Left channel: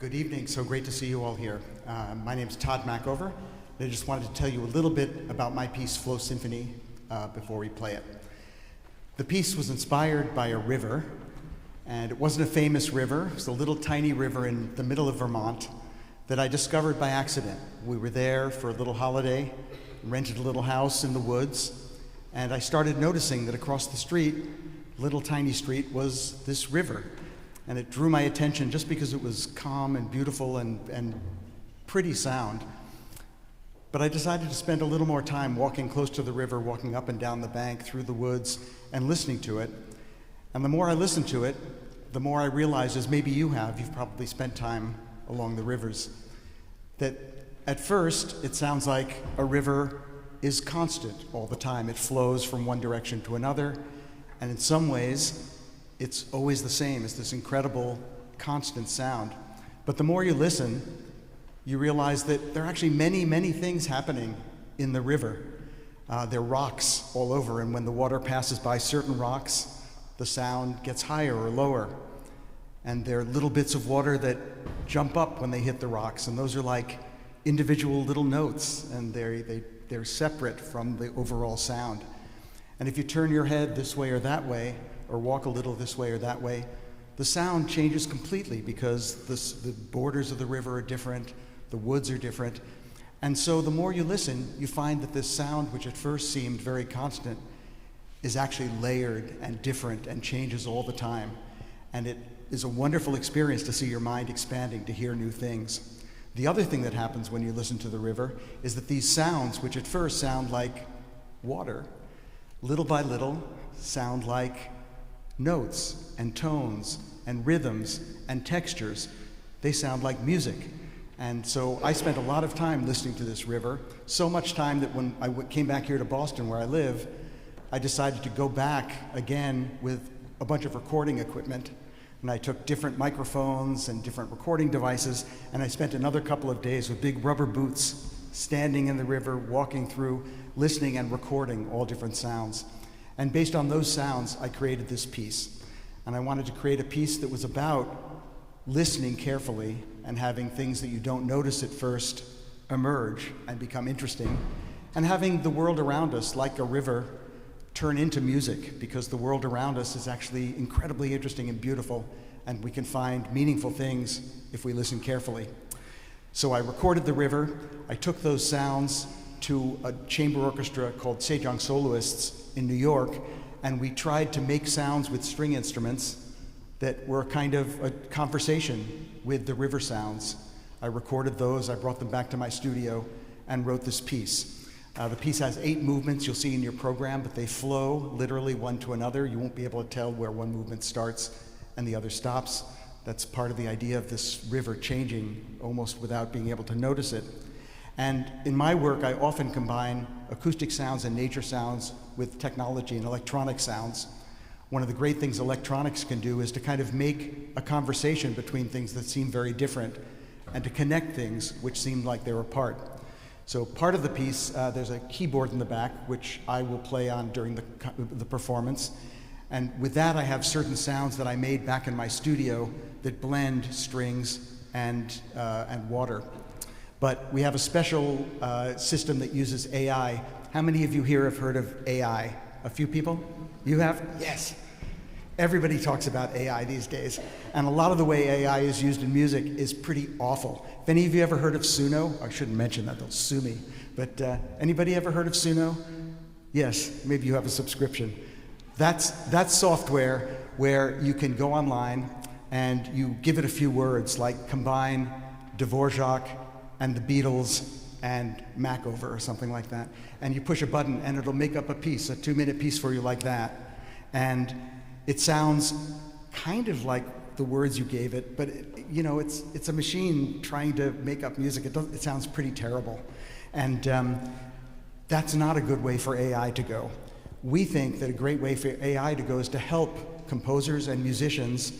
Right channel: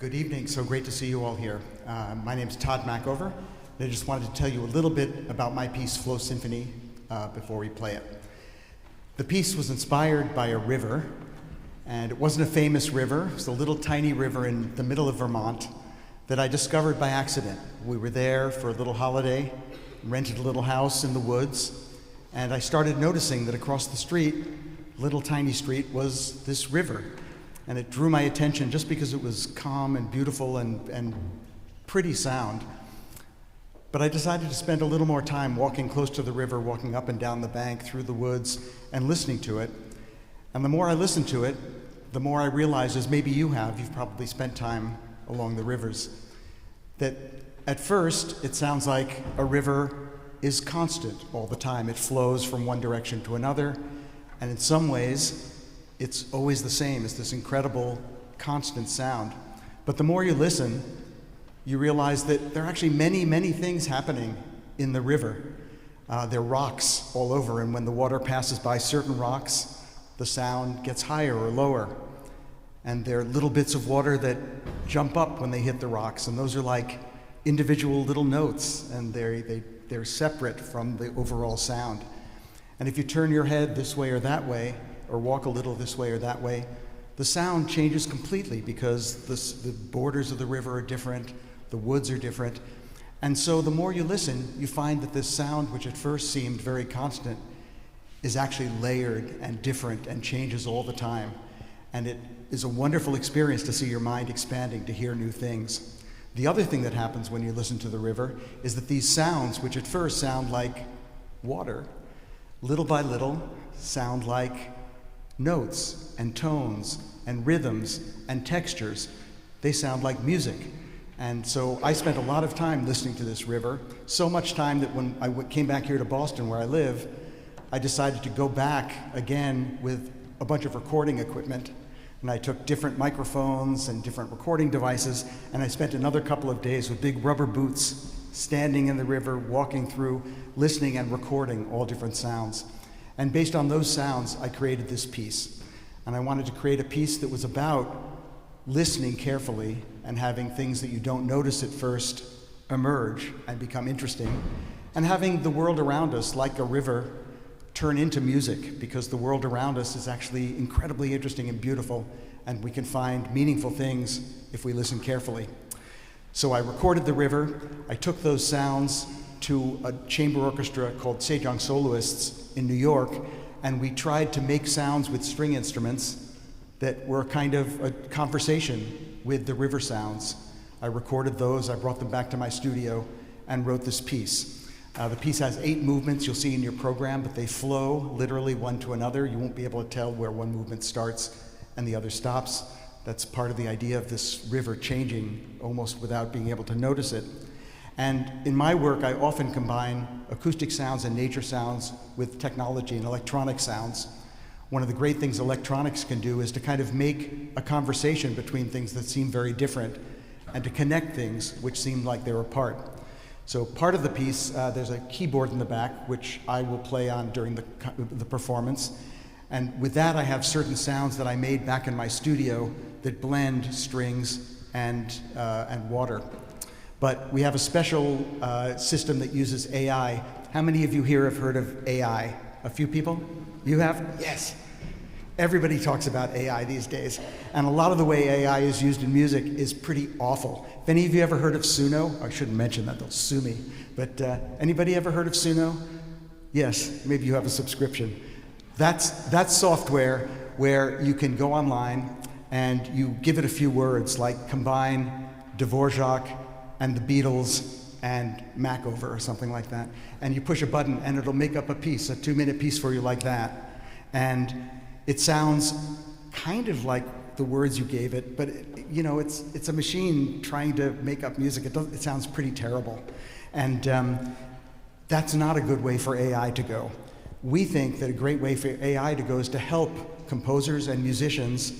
Good evening. So great to see you all here. My name is Tod Machover, and I just wanted to tell you a little bit about my piece, Flow Symphony, before we play it. The piece was inspired by a river, and it wasn't a famous river. It was a little tiny river in the middle of Vermont that I discovered by accident. We were there for a little holiday, rented a little house in the woods, and I started noticing that across the street, little tiny street, was this river. And it drew my attention just because it was calm and beautiful and pretty sound. But I decided to spend a little more time walking close to the river, walking up and down the bank, through the woods, and listening to it. And the more I listened to it, the more I realized, as maybe you have, you've probably spent time along the rivers, that at first it sounds like a river is constant all the time. It flows from one direction to another, and in some ways, it's always the same. It's this incredible, constant sound. But the more you listen, you realize that there are actually many, many things happening in the river. There are rocks all over, and when the water passes by certain rocks, the sound gets higher or lower. And there are little bits of water that jump up when they hit the rocks, and those are like individual little notes, and they're separate from the overall sound. And if you turn your head this way or that way, or walk a little this way or that way, the sound changes completely because the borders of the river are different, the woods are different. And so the more you listen, you find that this sound, which at first seemed very constant, is actually layered and different and changes all the time. And it is a wonderful experience to see your mind expanding, to hear new things. The other thing that happens when you listen to the river is that these sounds, which at first sound like water, little by little sound like notes and tones and rhythms and textures. They sound like music. And so I spent a lot of time listening to this river, so much time that when I came back here to Boston where I live, I decided to go back again with a bunch of recording equipment. And I took different microphones and different recording devices, and I spent another couple of days with big rubber boots, standing in the river, walking through, listening and recording all different sounds. And based on those sounds, I created this piece. And I wanted to create a piece that was about listening carefully and having things that you don't notice at first emerge and become interesting, and having the world around us, like a river, turn into music, because the world around us is actually incredibly interesting and beautiful, and we can find meaningful things if we listen carefully. So I recorded the river. I took those sounds to a chamber orchestra called Sejong Soloists in New York, and we tried to make sounds with string instruments that were kind of a conversation with the river sounds. I recorded those, I brought them back to my studio, and wrote this piece. The piece has 8 movements you'll see in your program, but they flow literally one to another. You won't be able to tell where one movement starts and the other stops. That's part of the idea of this river changing almost without being able to notice it. And in my work, I often combine acoustic sounds and nature sounds with technology and electronic sounds. One of the great things electronics can do is to kind of make a conversation between things that seem very different and to connect things which seem like they're apart. So part of the piece, there's a keyboard in the back, which I will play on during the performance. And with that, I have certain sounds that I made back in my studio that blend strings and water. But we have a special system that uses AI. How many of you here have heard of AI? A few people? You have? Yes. Everybody talks about AI these days. And a lot of the way AI is used in music is pretty awful. If any of you ever heard of Suno, I shouldn't mention that, they'll sue me. But anybody ever heard of Suno? Yes, maybe you have a subscription. That's software where you can go online and you give it a few words, like combine Dvorak and the Beatles and Machover or something like that. And you push a button and it'll make up a piece, a 2-minute piece for you like that. And it sounds kind of like the words you gave it, but it's a machine trying to make up music. It sounds pretty terrible. And that's not a good way for AI to go. We think that a great way for AI to go is to help composers and musicians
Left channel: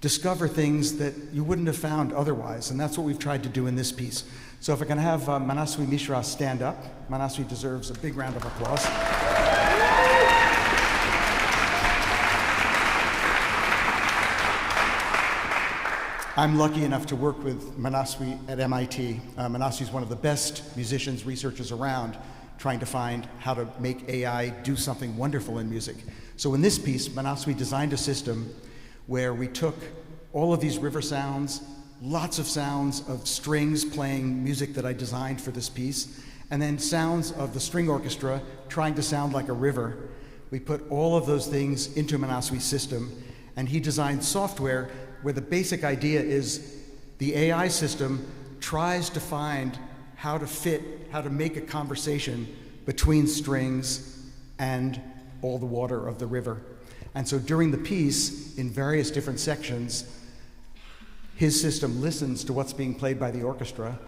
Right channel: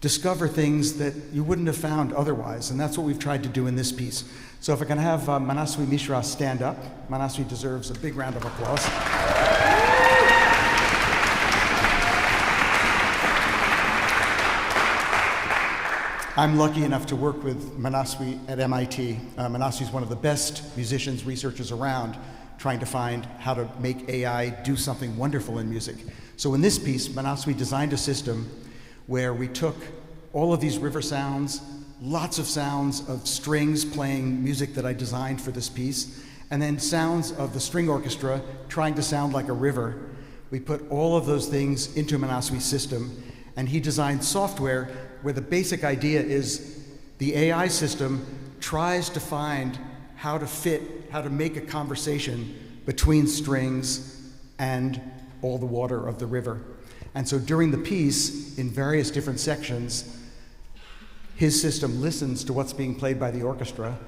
discover things that you wouldn't have found otherwise, and that's what we've tried to do in this piece. So if I can have Manaswi Mishra stand up. Manaswi deserves a big round of applause. I'm lucky enough to work with Manaswi at MIT. Manaswi is one of the best musicians, researchers around, trying to find how to make AI do something wonderful in music. So in this piece, Manaswi designed a system where we took all of these river sounds, lots of sounds of strings playing music that I designed for this piece, and then sounds of the string orchestra trying to sound like a river. We put all of those things into Manaswi's system, and he designed software where the basic idea is the AI system tries to find how to make a conversation between strings and all the water of the river. And so during the piece, in various different sections, his system listens to what's being played by the orchestra,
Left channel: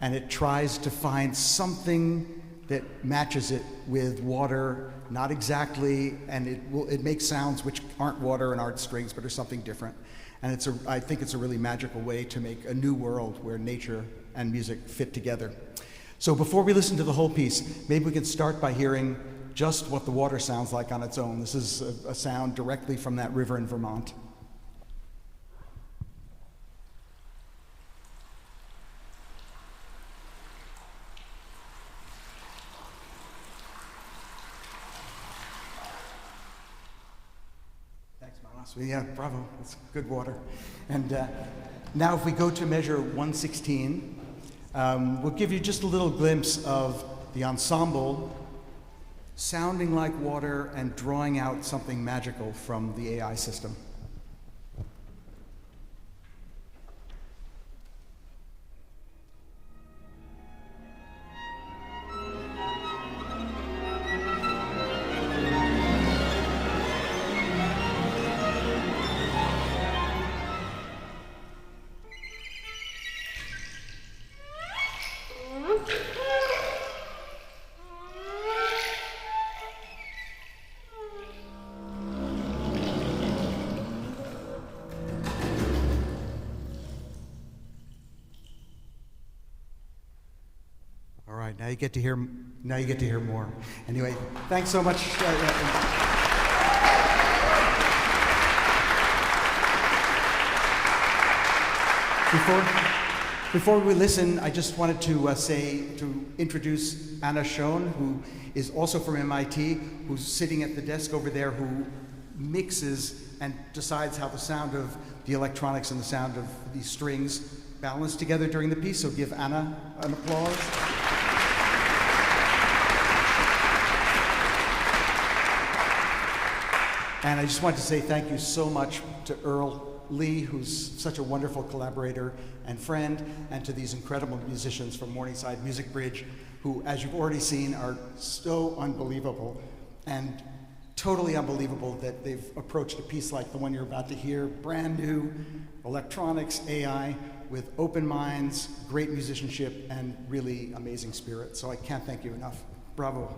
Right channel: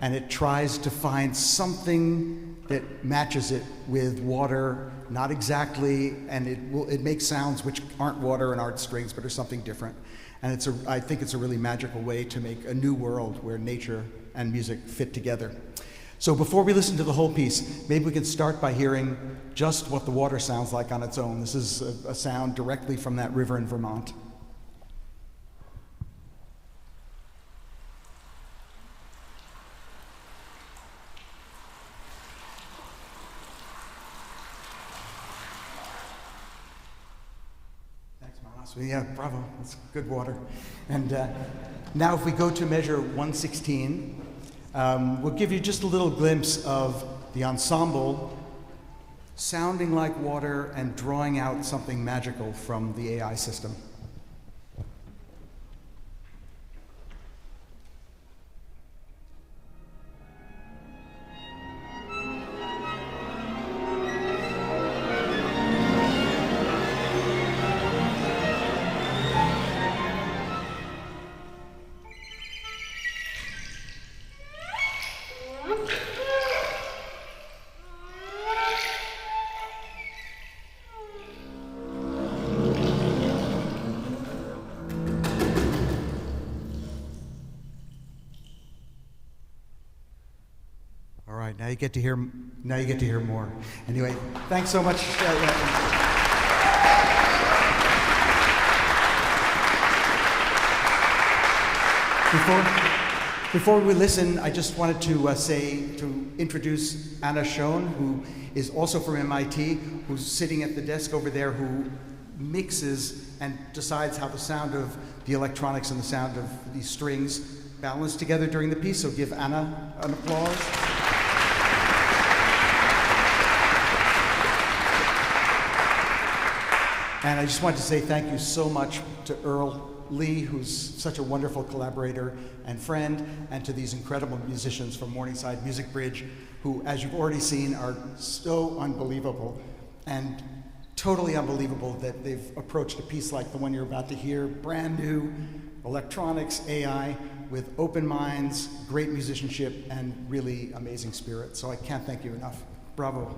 and it tries to find something that matches it with water, not exactly, and it makes sounds which aren't water and aren't strings, but are something different. And I think it's a really magical way to make a new world where nature and music fit together. So before we listen to the whole piece, maybe we can start by hearing just what the water sounds like on its own. This is a sound directly from that river in Vermont. Yeah, bravo, that's good water. And now if we go to measure 116, we'll give you just a little glimpse of the ensemble sounding like water and drawing out something magical from the AI system. Now you get to hear more. Anyway, thanks so much. Before we listen, I just wanted to introduce Anna Schoen, who is also from MIT, who's sitting at the desk over there, who mixes and decides how the sound of the electronics and the sound of these strings balance together during the piece. So give Anna an applause. And I just wanted to say thank you so much to Earl Lee, who's such a wonderful collaborator and friend, and to these incredible musicians from Morningside Music Bridge, who, as you've already seen, are so unbelievable and totally unbelievable that they've approached a piece like the one you're about to hear, brand new, electronics, AI, with open minds, great musicianship, and really amazing spirit. So I can't thank you enough. Bravo.